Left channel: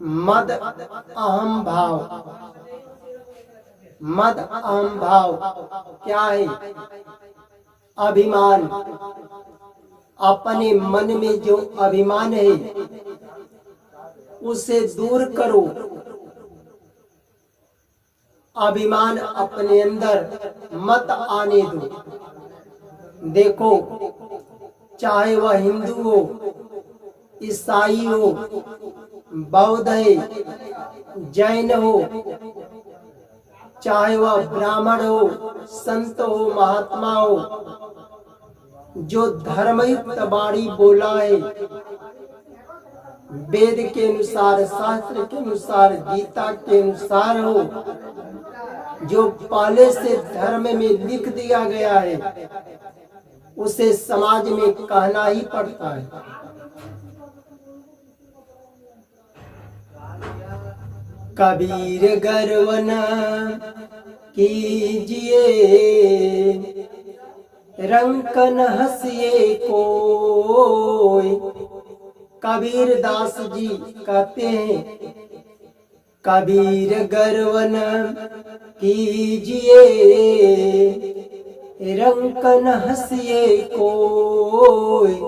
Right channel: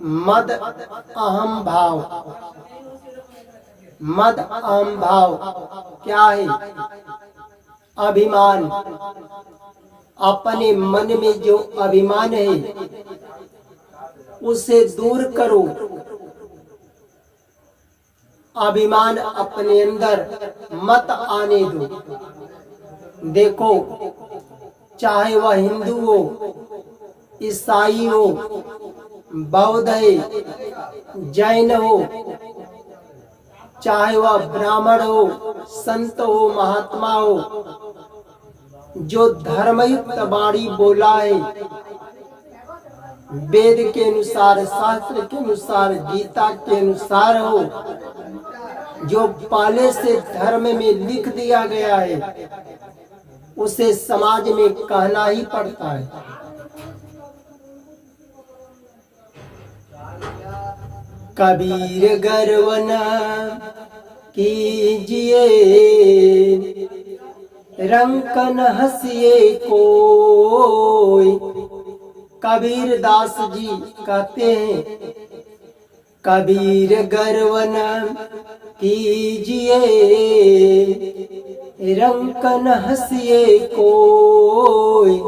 मद अहम भाव। मद अहम भाव क्या है? अभिमान। अपने मन में जो अभिमान है उसे दूर करो। अभिमान अपने अंदर मत आने दो। देखो, चाहे वह हिंदू हो, ईसाई हो, बौद्ध है, जैन हो, चाहे वह ब्राह्मण हो, संत हो, महात्मा हो, जो धर्मयुक्त वाणी बोला है, वेद के अनुसार, शास्त्र के अनुसार, गीता के अनुसार हो, जो पहले से धर्म में लिख दिया गया है, उसे समाज में कहना ही पड़ता है। कबीर गर्व न कीजिए, रंक न हंसिए कोई। कबीर दास जी कहते हैं, कबीर गर्व न कीजिए, रंक न हंसिए कोई।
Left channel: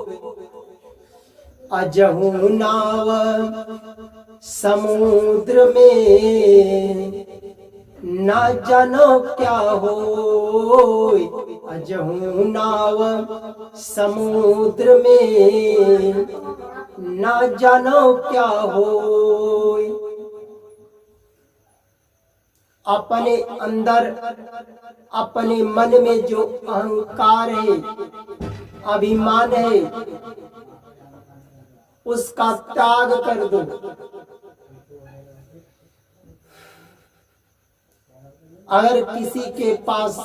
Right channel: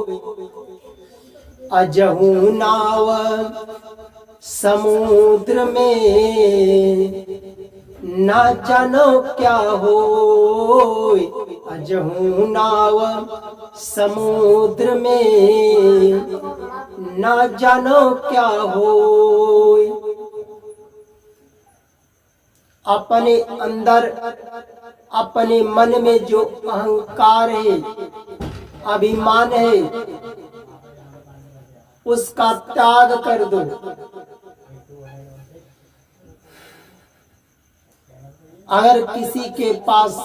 अजहू नाव समुद्र में, ना जानो क्या होय। अजहू नाव समुद्र में, ना जानो क्या होय। अपने अंदर, अपने मन में जो अहंकार है, अभिमान है, उसका त्याग कर दो। अगर किसी के पास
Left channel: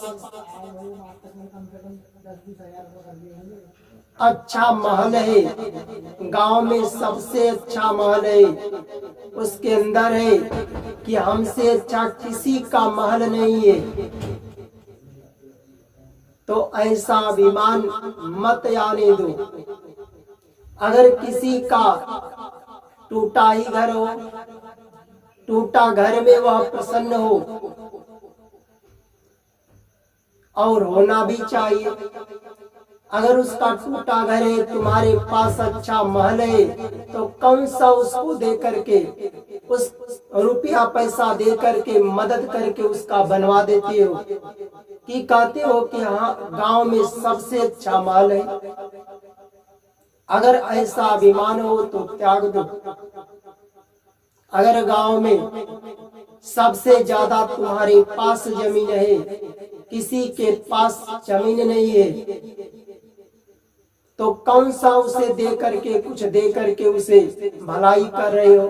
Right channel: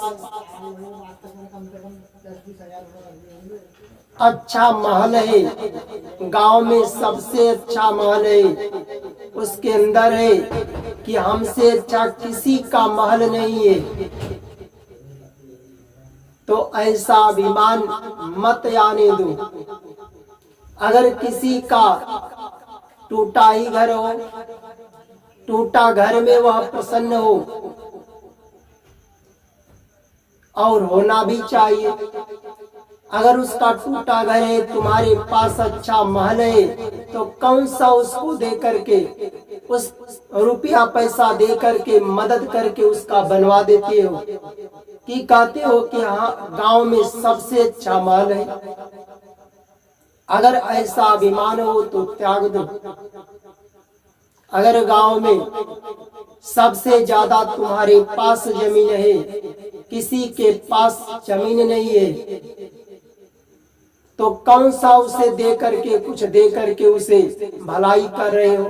अच्छा महल है, गांव में सबसे अच्छा महल है, उसके अंदर है कि हमसे अच्छा किसी का महल नहीं है, तो ऐसा अभिमान मत आने दो। अगर किसी का टूटा ही घर हो, टूटा घर में वह प्रसन्न हो, और होना भी चाहिए। अगर उसका टूटा घर है, तुम्हारे पास अच्छा महल है, तो कौन सा उसको दे करके, उस रुपया पैसा दे करके, मदद करके उसका बनवा देते हो, कि कहते हो कि हाँ गांव में सबसे अच्छा महल है। अगर ऐसा अभिमान हो तो त्याग दो। अगर गांव में सबसे ज्यादा तुम्हारे पास जमीन है, किसी के पास जमीन नहीं है, तो कौन सा उसे दे करके, कुछ दे करके उसे भलाई कर रहे हो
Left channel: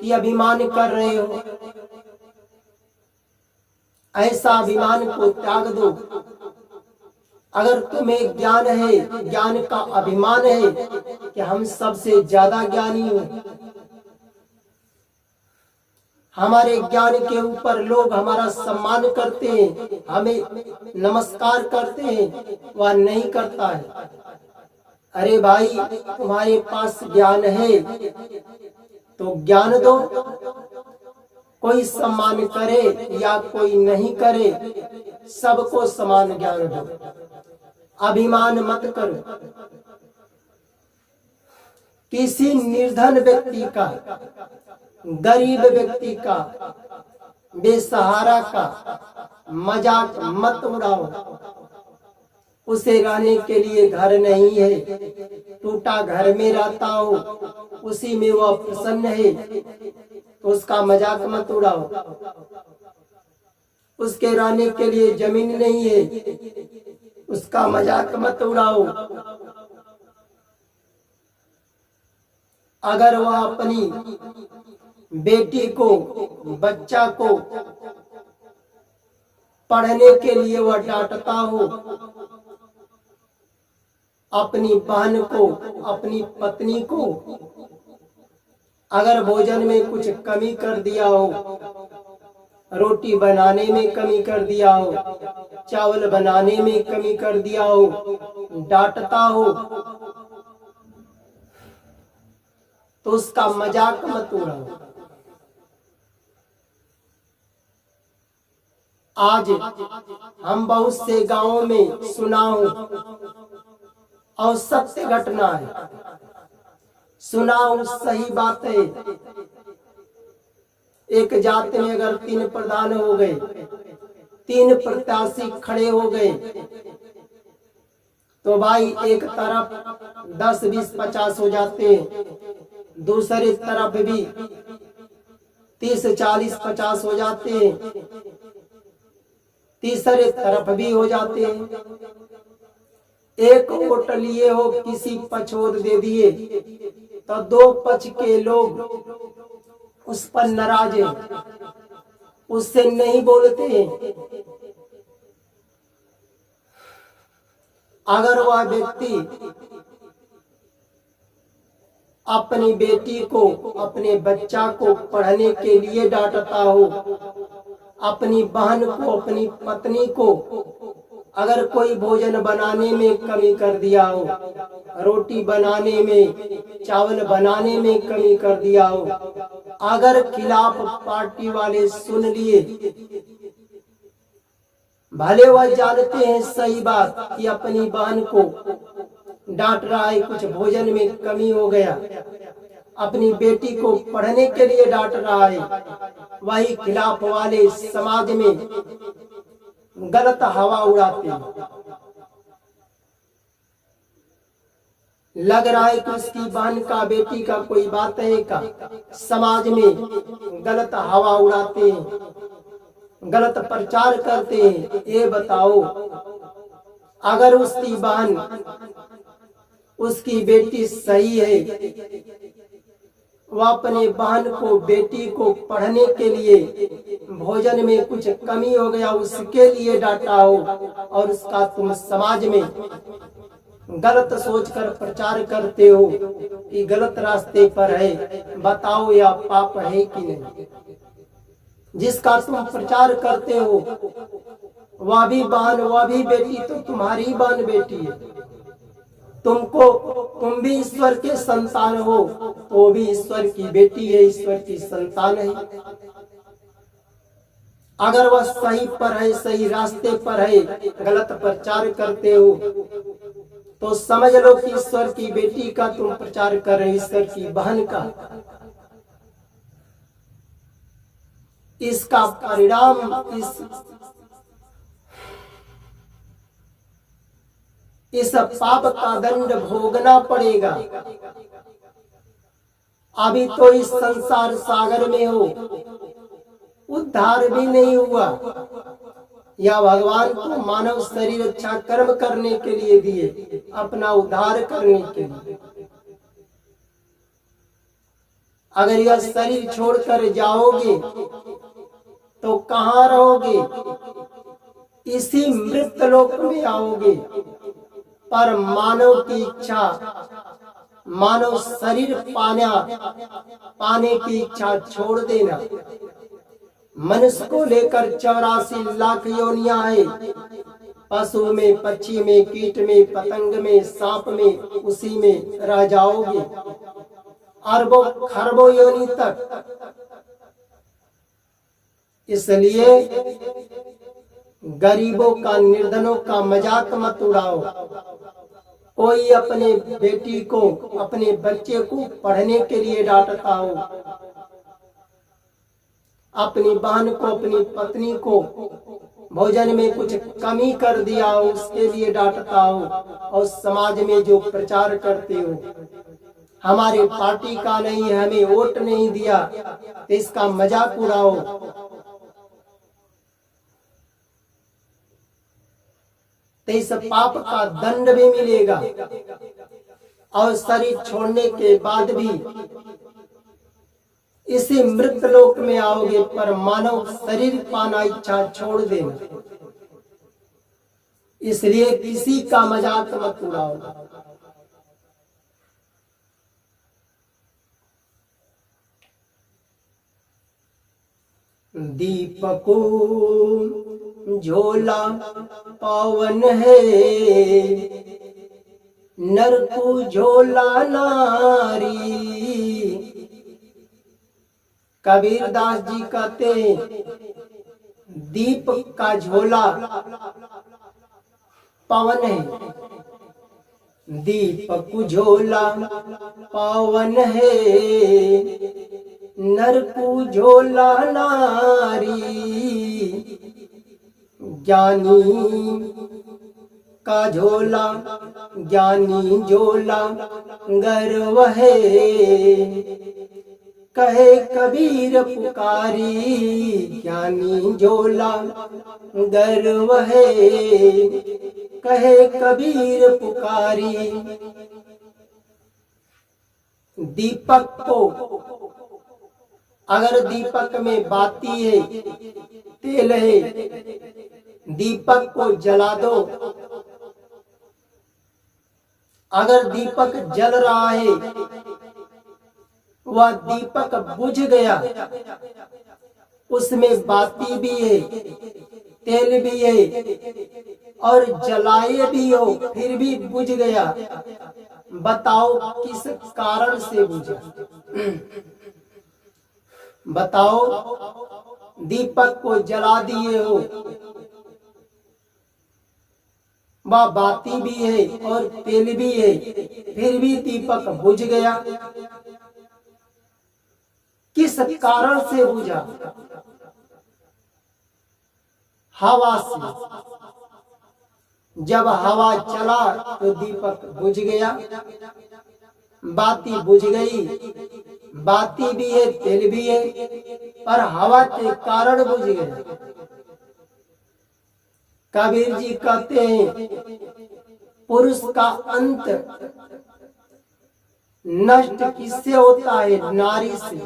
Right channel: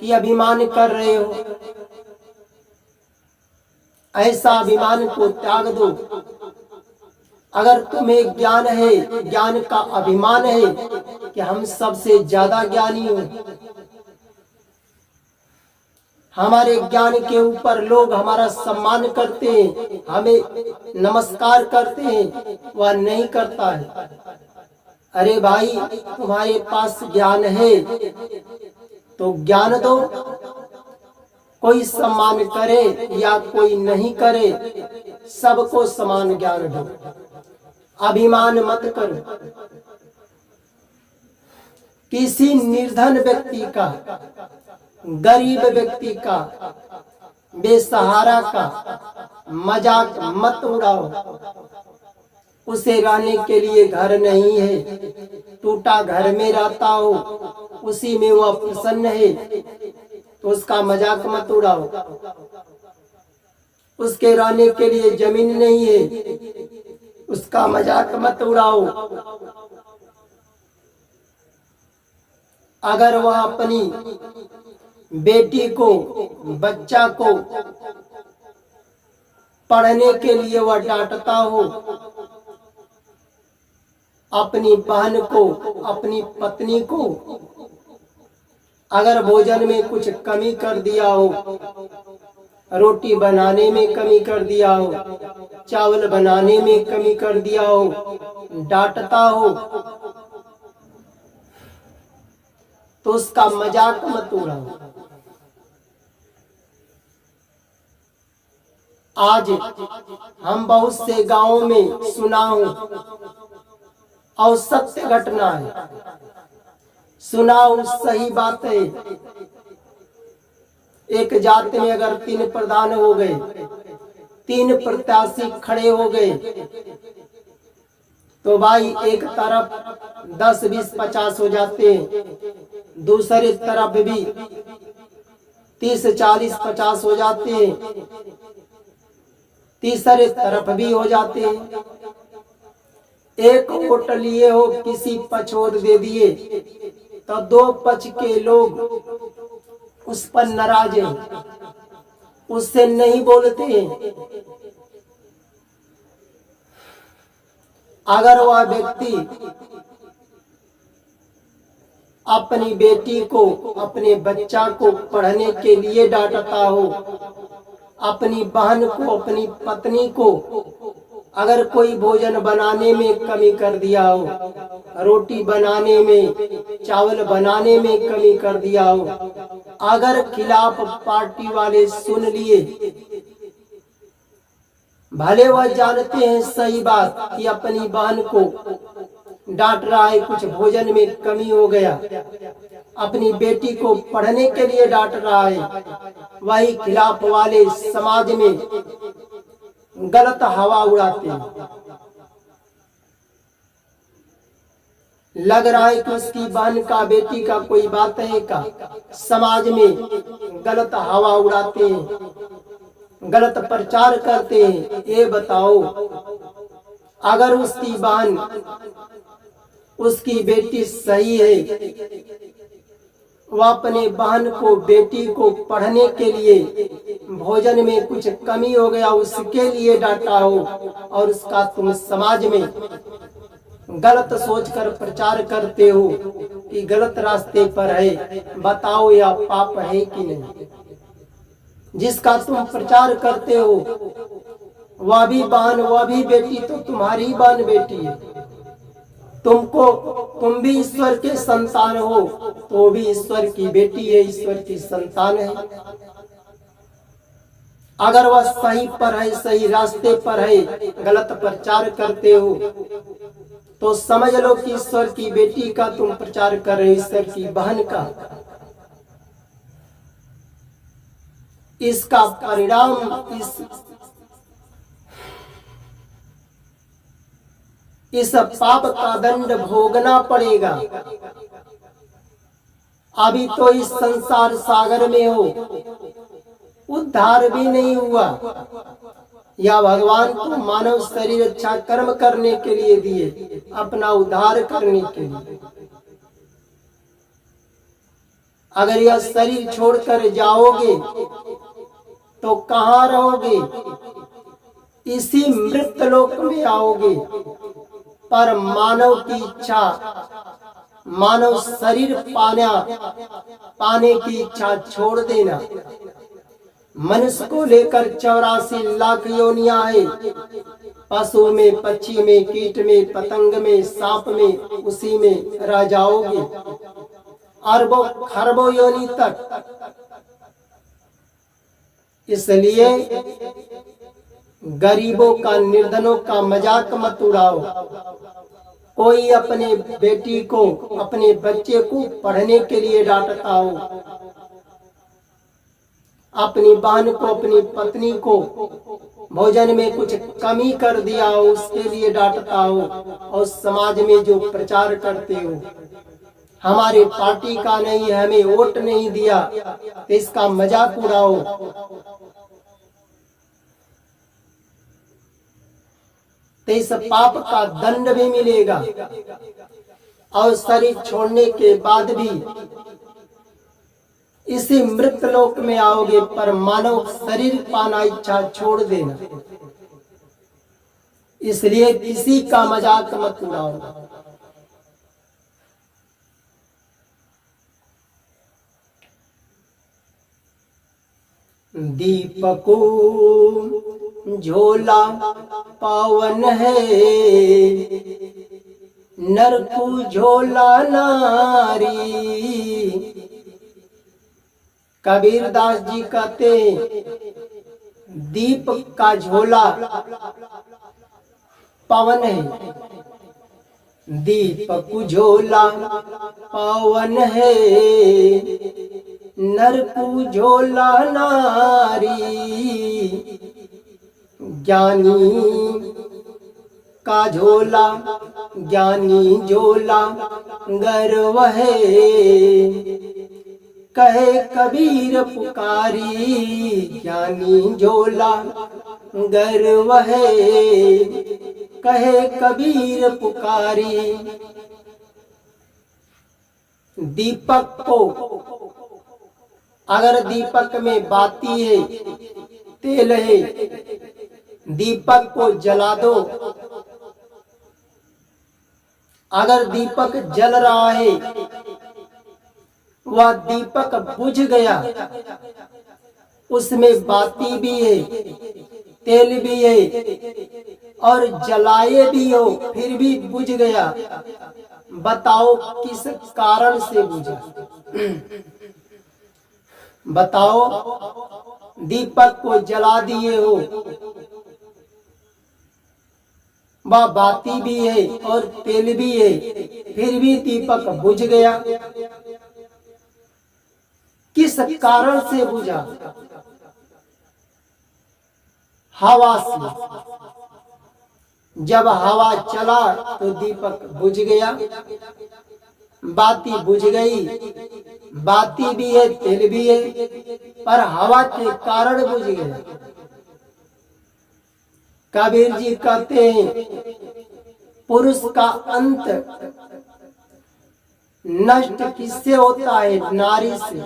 कि अभिमान कर रहे हो? ऐसा अभिमान को त्याग दो। अगर तुम्हें ज्ञान है, ज्ञान का अभिमान है कि हम सबसे ज्यादा ज्ञानी हो, हमारे ज्ञान के ऊपर लोग हमारा सम्मान करते हैं, हमें नमस्कार करते हैं, वह नहीं करता है। अरे भाई, तुम्हारे पास ज्ञान है तो ज्ञान दो। कोई सम्मान करे या कोई नहीं करे, सबको समान ज्ञान दो। अभिमान मत करो। किसी निर्धन व्यक्ति का, गरीब व्यक्ति का, बेसहारा का मजाक मत उड़ाओ। उसे रहने के लिए घर नहीं है, टूटा घर में रहता हो, उसी में वह प्रसन्न है, तो उसका मजाक मत उड़ाओ। उसके रहने के लिए जमीन नहीं है, उसका मजाक मत उड़ाओ। अगर वह अपनी बेटी को, बच्चा को पढ़ने के लिए वह डांटता हो, अपनी बहन को, अपनी पत्नी को अगर भोजन में कुछ कमी कर दिया हो, रोटी बनाने में कमी कर दिया हो, चावल बनाने में कमी कर दिया हो, डांटता हो, तो उसका मजाक मत उड़ाओ। आज हम बहुत से गांवों में सुना हूं और सत्य घटना है, सुना हूं, सही बात है। एक जाति में अगर 3 प्रधान हो गए, 3 प्रत्याशी खड़े हो गए, तो भाई एक तरफ 10, 20, 50 हो जाते हैं, दूसरी तरफ भी 30, 40, 50 हो जाते हैं, तीसरे तरफ भी हो जाते हैं। एक वोट लिए हो, किसी पक्ष वोट दे दिए, तो 2 पक्ष के लोग उस पर नाराज हैं, उससे नहीं बोलते हैं। अगर वह व्यक्ति अपनी बेटी को, अपने बच्चा को पढ़ने के लिए डांटता हो, अपनी बहन को, अपनी पत्नी को अगर कोई भोजन बनाने में कमी कर दिया हो, रोटी बनाने में, चावल बनाने में कमी कर दिया हो, अगर खिलाफ पार्टी वाले सुन लिए, भले वह जानते हैं सही बात कि अपनी बहन को डांट रहा है, कुछ भोजन में कमी हो गया, अपनी बेटी को पढ़ने के लिए डांट रहा है, वही खिलाफ वाले समाज में गलत हवा उड़ाते हैं। लग रहा है कि उसकी बहन का, बेटी का कोई बात है का, समाज में गलत हवा उड़ाते हैं, गलत प्रचार करते हैं। ये बताओ, अगर उसकी बहन, उसकी बेटी सही है, वह अपने बहन को, बेटी को पढ़ने के लिए भोजन में कुछ कमी हो गया, उसके लिए डांटा हो, और उसका तुम समाज में गलत सोचकर प्रचार करते हो कि गलत रास्ते पर है, बताओ यह पाप है कि नहीं? जिसका तुम प्रचार करते हो वह भी बहन, वह भी बेटी तो तुम्हारी बहन बेटी है, तुम भी ईश्वर के संतान हो, तो भी ईश्वर की बेटी है, ईश्वर की संतान है। अगर वह सही पर है, सही रास्ते पर है, गलत प्रचार करते हो, तो समझ लो कि ईश्वर की बेटी का तुम प्रचार कर रहे हो, ईश्वर की बहन का। इसका परिणाम इस पाप का दंड भोगना पड़ेगा। अभी तो इस संसार सागर में हो, उद्धार भी नहीं हुआ, या भगवान को मानव शरीर अच्छा कर्म करने के लिए दिए, अपना उद्धार करने के लिए। अगर यह शरीर छोड़कर जाओगे तो कहाँ रहोगे? इसी मृत लोक में आओगे। पर मानव की इच्छा, मानव शरीर पाने की इच्छा छोड़ देना। मनुष्य को लेकर 84 लाख योनियां है, पशु में, पक्षी में, कीट में, पतंग में, सांप में, उसी में रह जाओगे अरबों खरबों योनि तक। इसलिए गरीबों का, निर्धनों का मजाक मत उड़ाओ। कोई अपने बेटी को, अपने बच्चे को पढ़ने के लिए डांटता हो, अपनी बहन को, अपनी पत्नी को भोजन में कुछ कमी कर दिया हो, उसके लिए डांटता हो, और समाज में जो प्रचार करते हो हमारे पार्टी का नहीं है, हमें वोट नहीं दिया, तो इसका मजाक उड़ाओ। तो इस पाप का दंड भी मिलेगा, और शरीर छोड़ने के बाद भी इसी मृत लोक में आओगे, पर मानव शरीर पाना इच्छा छोड़ देना। इसलिए किसी का मजाक मत उड़ाओ। दीपको झोला पावन है, नरकू झोला नारी। कबीर दास जी कहते, दीप का झोला पवन है, दीपक झोला पवन है, नर को झोला नारी, ज्ञानी का झोला ज्ञानी झोला गर्व है, कहे कबीर पुकारी, ज्ञानी झोला गर्व है, कहे कबीर पुकारी। दीपक को अगर दीपक में बाती है, तेल है, दीपक को जला दो। अगर दीपक जल रहा है, वह दीपक बुझ गया, उसमें बाती भी है, तेल भी है और जलाए भी हो, फिर भी बुझ गया। बताओ किस कारण से बुझा? बताओ, दीपक को जला दिए हो, वह बाती भी है और तेल भी है, फिर भी दीपक बुझ गया। किस कारण से बुझा? हवा से। जब हवा चला तो दीपक बुझ गया, बाती बुझ गई। बाती भी है, तेल भी है, पर हवा के कारण बुझ गया। कबीर जी कहते हैं, पुरुष का अंत नष्ट किससे होता है? नारी से।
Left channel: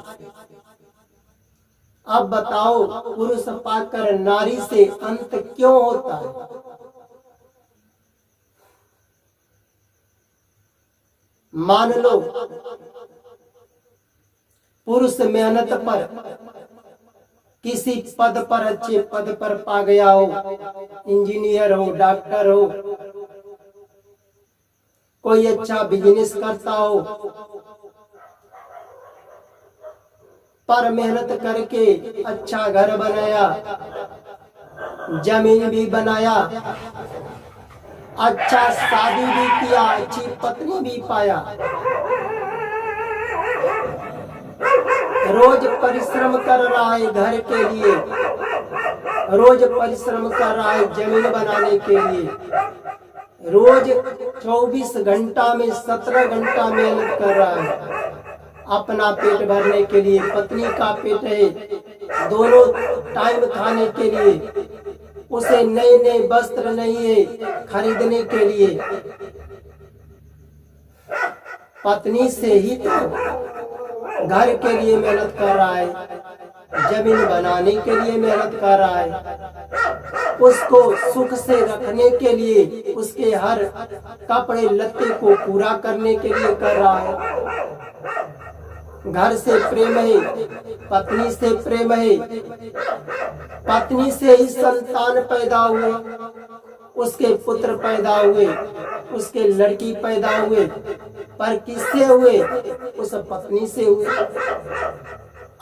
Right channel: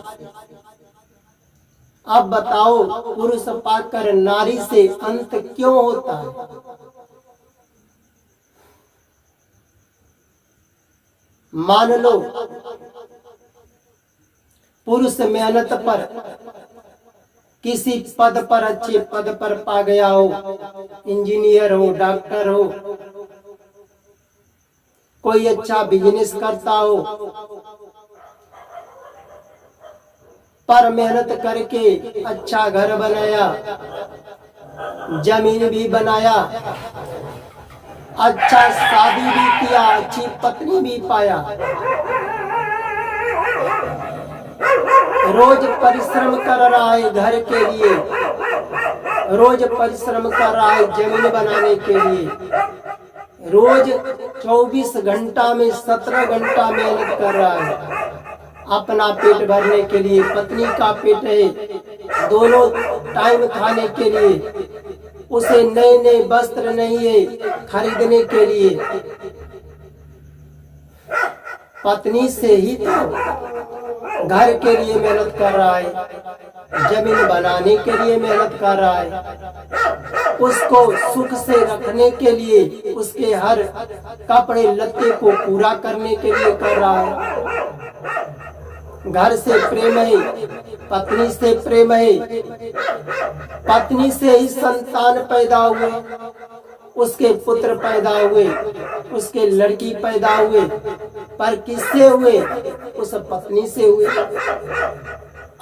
अब बताओ, पुरुष पाकर नारी से अंत क्यों होता है? मान लो पुरुष मेहनत पर किसी पद पर, अच्छे पद पर पा गया हो, इंजीनियर हो, डॉक्टर हो, कोई अच्छा बिजनेस करता हो, पर मेहनत करके अच्छा घर बनाया, जमीन भी बनाया, अच्छा शादी भी किया, अच्छी पत्नी भी पाया, रोज परिश्रम कर रहा है घर के लिए, रोज परिश्रम कर रहा है जमीन बनाने के लिए, रोज 24 घंटा में 17 घंटा मेहनत कर रहा है अपना पेट भरने के लिए, पत्नी का पेट है, दोनों टाइम खाने के लिए, उसे नए नए वस्त्र नहीं है खरीदने के लिए। पत्नी से ही तो घर के लिए मेहनत कर रहा है, जमीन बनाने के लिए मेहनत कर रहा है, उसको सुख से रखने के लिए, उसके हर कपड़े लत्ते को पूरा करने के लिए कर रहा है। घर से प्रेम है, पत्नी से प्रेम है, पत्नी से ही संतान पैदा हुए, उसके पुत्र पैदा हुए, उसके लड़की पैदा हुए, पर किससे हुए? उस पत्नी से हुए।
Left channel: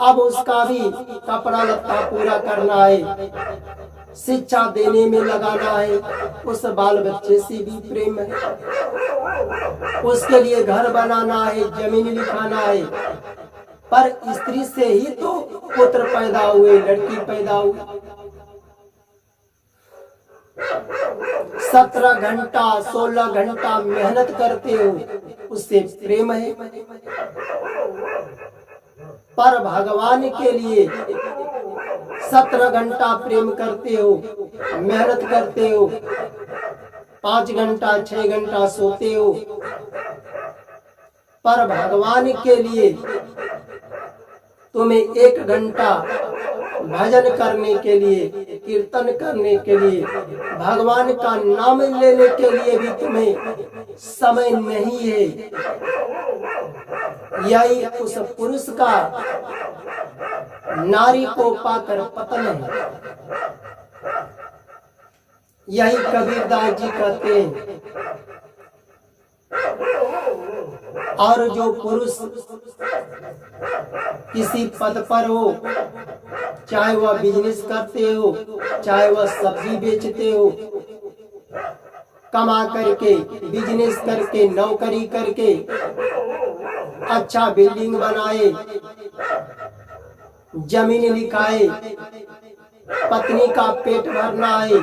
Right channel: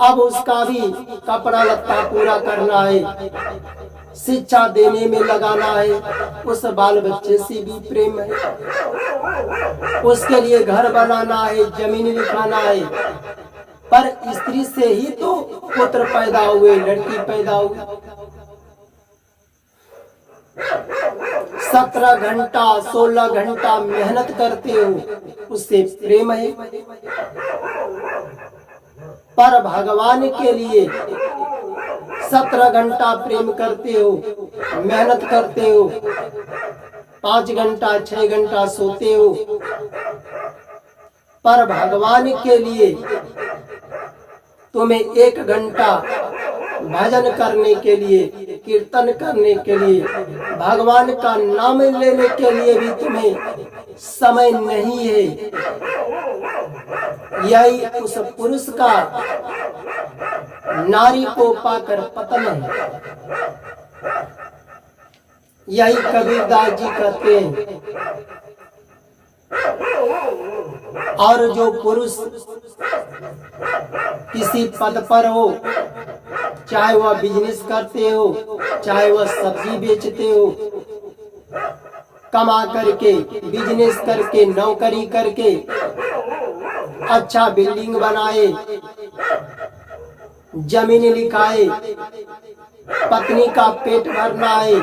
अब उसका भी कपड़ा लत्ता पूरा करना है, शिक्षा देने में लगाना है, उस बाल बच्चे से भी प्रेम है, उसके लिए घर बनाना है, जमीन लिखाना है, पर स्त्री से ही तो पुत्र पैदा हुए, लड़की पैदा हुई। 17 घंटा 16 घंटा मेहनत करते हो, उससे प्रेम है। पर भगवान के लिए 17 घंटा प्रेम करते हो, मेहनत करते हो, 5 घंटा 6 घंटा सोते हो, पर भगवान के लिए तुम्हें 1 घंटा भजन करने के लिए, कीर्तन करने के लिए, भगवान का नाम लेने के लिए भी तुम्हें समय नहीं है। यही उस पुरुष का नारी को पाकर पतन है। यही कबीरदास जी कहते हैं। और जो पुरुष किसी पद पर हो, चाहे वह बिजनेस करते हो, चाहे वह सब्जी बेचते हो, कमा करके, बिजनेस करके, नौकरी करके, अच्छा बिल्डिंग बनाए, जमीन लिखाए, पत्नी का पेट भरना है,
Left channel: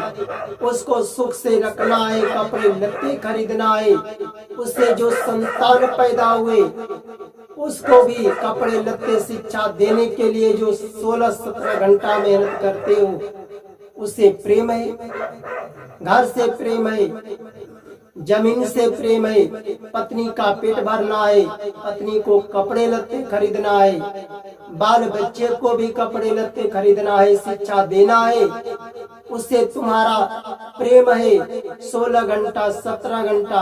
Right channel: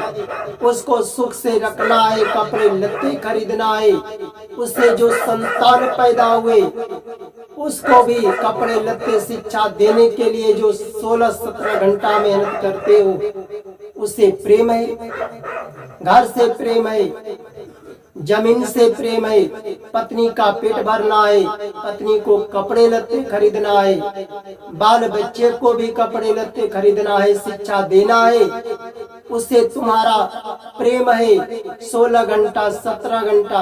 उसको सुख से रखना है, कपड़े लत्ते खरीदना है, उससे जो संतान पैदा हुए उसको भी कपड़े लत्ते शिक्षा देने के लिए जो 16-17 घंटा मेहनत करते हो, उससे प्रेम है, घर से प्रेम है, जमीन से प्रेम है, पत्नी का पेट भरना है, पत्नी को कपड़े लत्ते खरीदना है, बाल बच्चे को भी कपड़े लत्ते खरीदना है, शिक्षा देना है, उससे तुम्हारा प्रेम है 16 घंटा 17 घंटा,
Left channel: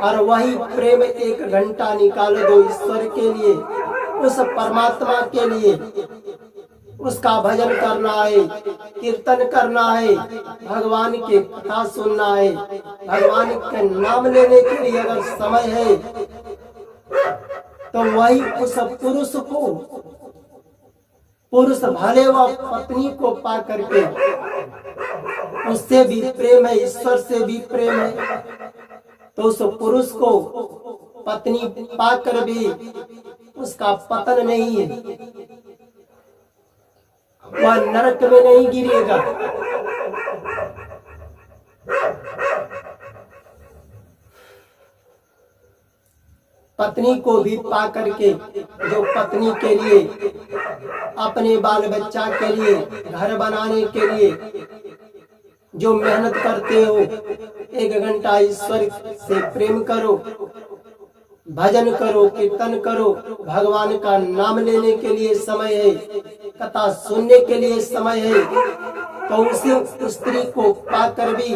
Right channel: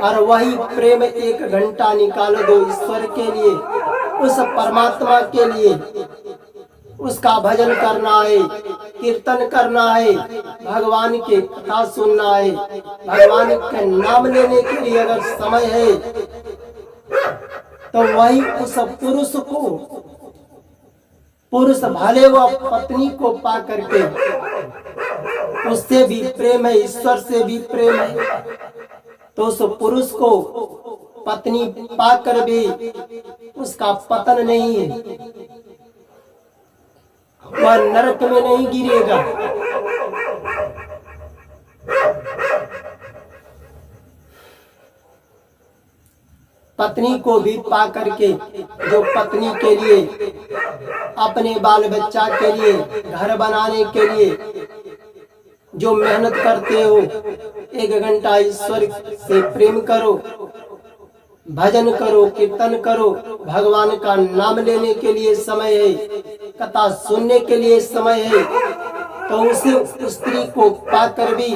और वही प्रेम 1 घंटा निकाल दो ईश्वर के लिए, उस परमात्मा के लिए, उसका भजन करना है, कीर्तन करना है, भगवान की कथा सुनना है, भगवान के नाम लेने के लिए अगर समय है तो वही उस पुरुष को, पुरुष भले व पत्नी को पा करके, उससे भी प्रेम है, ईश्वर से भी प्रेम है, तो उस पुरुष को पत्नी पाकर भी उसका पतन नहीं है, वह नरक में नहीं गिरेगा। पत्नी को भी पा करके, जो पत्नी के लिए, अपने बाल बच्चा के लिए, घर बनाने के लिए जो मेहनत करते हो, 1 घंटा ईश्वर से प्रेम करो, भजन करो, कीर्तन करो, भगवान का नाम लेने के लिए समय है, कथा सुनने के लिए समय है, तो उसी स्त्री को पाकर भी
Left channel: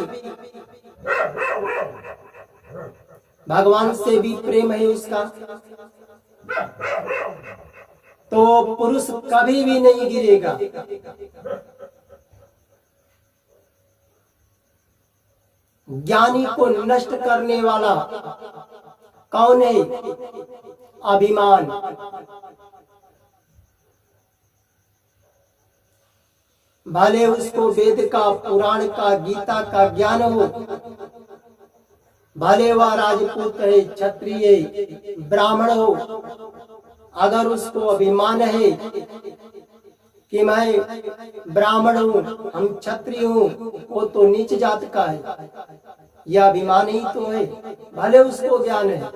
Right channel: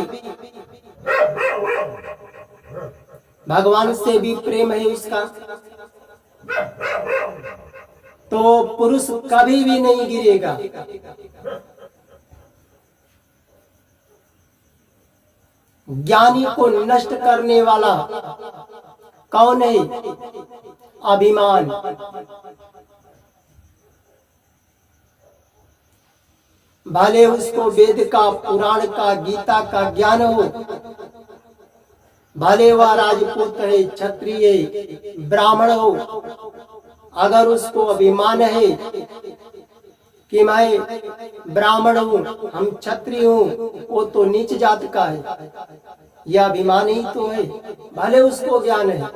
भगवान से भी प्रेम है उसका, तो पुरुष कभी भी नहीं गिरेगा। ज्ञानी को नष्ट करने वाला कौन है? अभिमान। भले उसको वेद का, पुराण का, गीता का ज्ञान हो, भले वह राजपूत है, क्षत्रिय, ब्राह्मण हो, अगर उसको अभिमान है कि मैं ब्राह्मण हूँ, हम क्षत्रिय हूँ, वो तो नीच जात का है, यह अभिमान ही तो है। भले उसको ज्ञान है,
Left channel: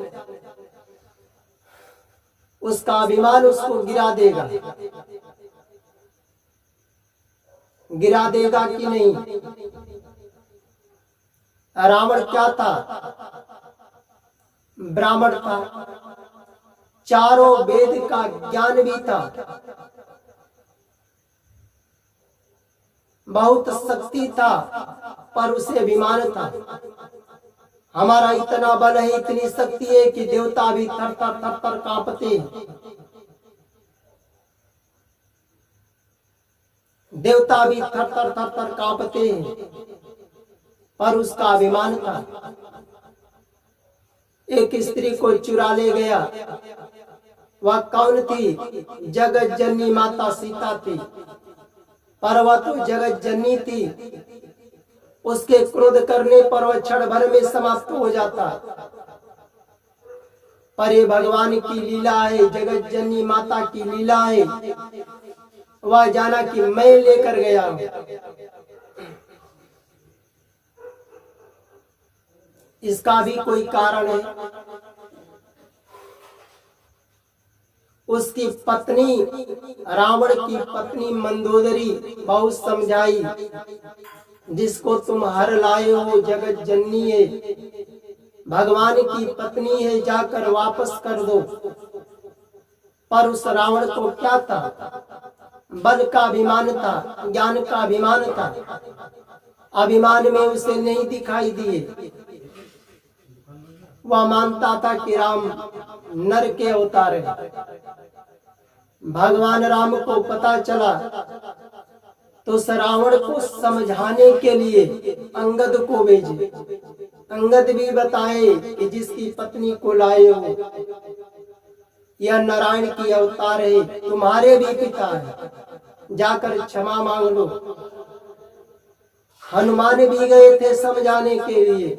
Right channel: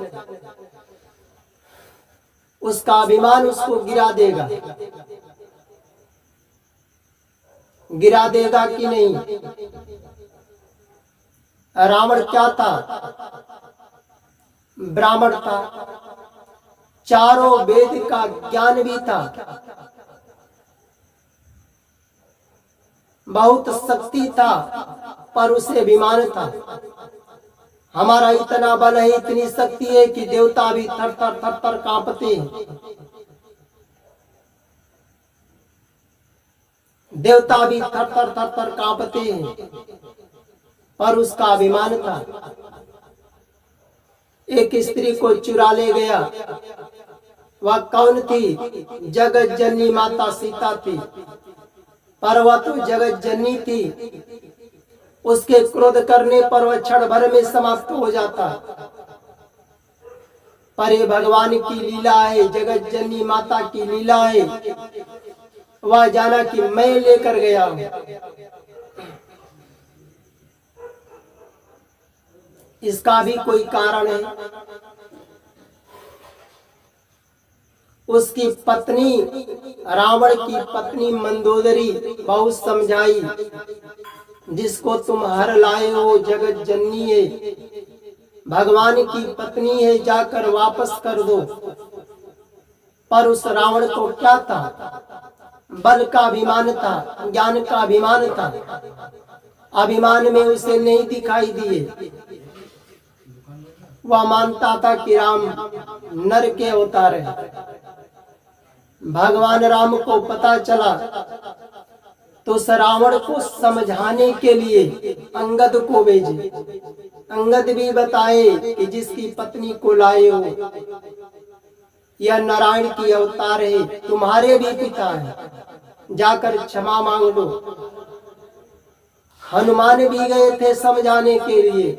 उसका अभिमान उसको गिरा देगा, गिरा देगा कि नहीं? रावण क्या था? ब्राह्मण था, चारों वेद का ज्ञान भी था, बहुत शक्ति था, पर उसे अभिमान था। हमारा इतना बल है, इतनी शक्ति है कि देवता भी थर थर थर थर कांपते हैं, देवता भी थर थर थर थर कांपते हैं, पर उसका अभिमान था। एक स्त्री को चुरा ले गया, वह कौन थी? जगत जननी माता सीता थी, पर वह तो जगत जननी थी, उसके क्रोध करने पर वह क्षण भर में समाप्त हो जाता, पर ये भगवान की लीला है, जगत जननी माता की लीला है। वह जाना कि मैं लेकर गया हूं, इसका भी कोई कारण है। उसकी पत्नी, रावण की पत्नी मंदोदरी बहुत समझाई, जिसको तुम हर लाए हो जगत जननी है, भगवान की पत्नी है, जाकर वापस कर दो। पर उस रावण को क्या था? बल का अभिमान था, ज्ञान का अभिमान था, अभिमान में उसे नहीं दिखाई दिए। वह मानता था कि राम नर के अवतार है। भगवान राम को पता चला तो उस रावण को समझाने के लिए अंगद को भेजे। अंगद भी बताए कि जिसकी पत्नी को लाए हो यह नारायण की अवतार है, तुम्हारे भी पिता है, जाकर क्षमा मांग लो। हनुमान भी गए थे समझाने के लिए,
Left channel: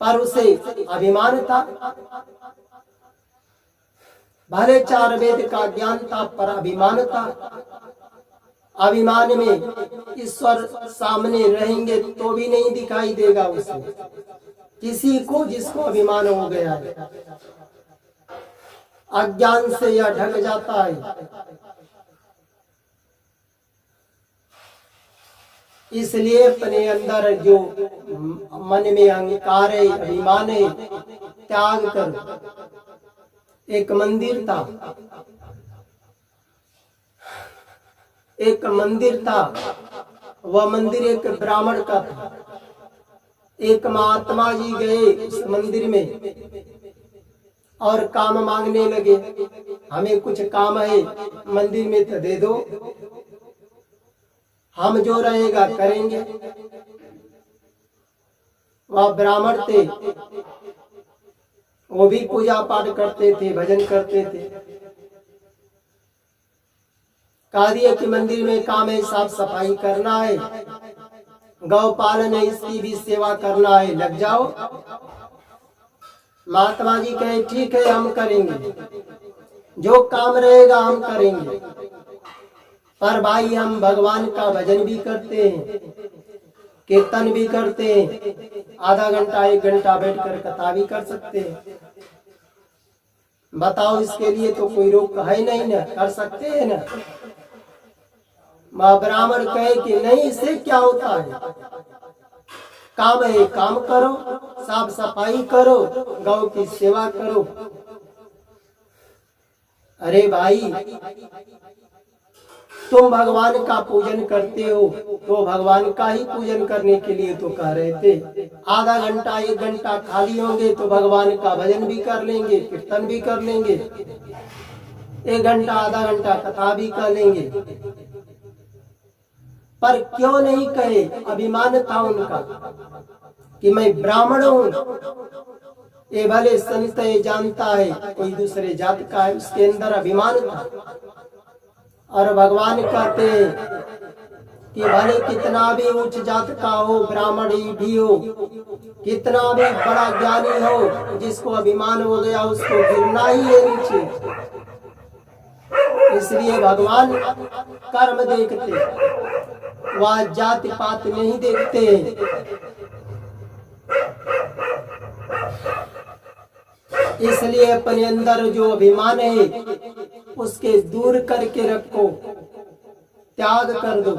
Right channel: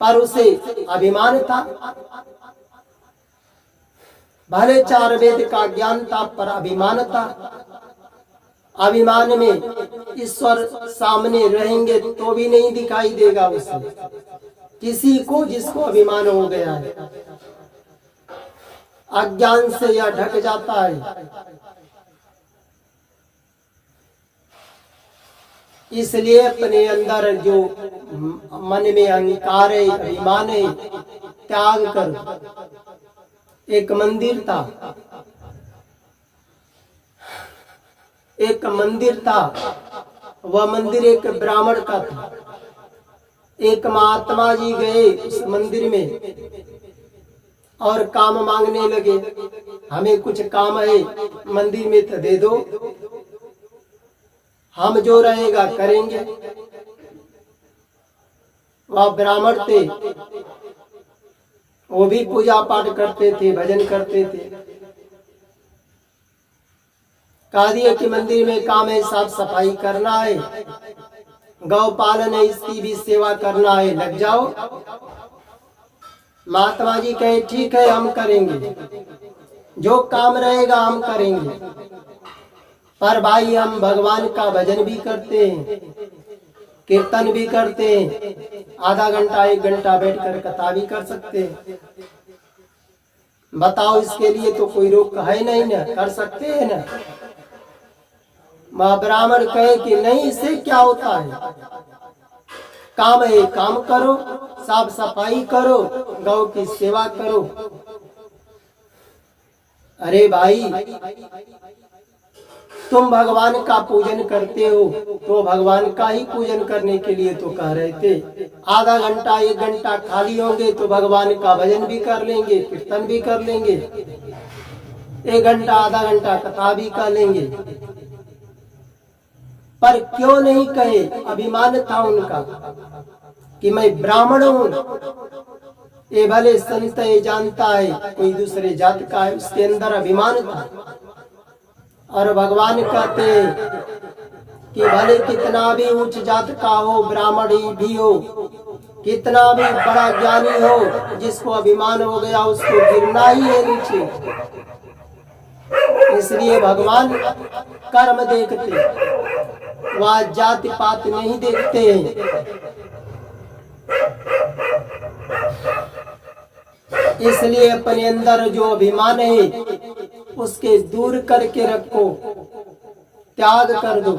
पर उसे अभिमान था। भले 4 वेद का ज्ञान था, पर अभिमान था। अभिमान में ईश्वर सामने रहेंगे तो भी नहीं दिखाई देगा उसे, किसी को जिसको अभिमान हो गया है। अज्ञान से यह ढक जाता है। इसलिए अपने अंदर जो मन में अहंकार है, अभिमान है, त्याग करो। एक मंदिर था, वह मंदिर एक ब्राह्मण का था। एक महात्मा जी गए उस मंदिर में और काम मांगने लगे, हमें कुछ काम है मंदिर में तो दे दो, हम जो रहेगा करेंगे। वह ब्राह्मण थे, वो भी पूजा पाठ करते थे, भजन करते थे। कहा दिया कि मंदिर में काम है, साफ सफाई करना है, गौ पालन है, इसकी भी सेवा करना है, लग जाओ। महात्मा जी कहे ठीक है हम करेंगे, जो काम रहेगा हम करेंगे। पर भाई हम भगवान का भजन भी करते हैं, कीर्तन भी करते हैं, आधा घंटा 1 घंटा बैठकर कथा भी कर सकते हैं। बताओ, इसके लिए तो कोई रोक है नहीं ना, कर सकते हैं ना। ब्राह्मण कहे कि नहीं, इससे क्या होता है, काम है काम करो, साफ सफाई करो, गौ की सेवा करो। अरे भाई, तुम भगवान का पूजन करते हो तो भगवान का ही पूजन करने के लिए तो कह रहे थे। आधा घंटा 1 घंटा खाली होंगे तो भगवान का भजन भी कर लेंगे, कीर्तन भी कर लेंगे, 1 घंटा आधा घंटा कथा भी कर लेंगे। पर क्यों नहीं कहे? अभिमान था उनका कि मैं ब्राह्मण हूँ। ये भले संत है, जानता है कोई दूसरे जात का है, उसके अंदर अभिमान था। और भगवान कहते हैं कि भले कितना भी उच्च जात का हो, ब्राह्मण ही भी हो, कितना भी बड़ा ज्ञानी हो, जिसको अभिमान हो गया उसको गिरना ही है नीचे। इसलिए भगवान कर्म देखते, वह जाति पात नहीं देखते हैं। इसलिए अपने अंदर जो अभिमान है उसके दूर करके रखो, त्याग कर दो।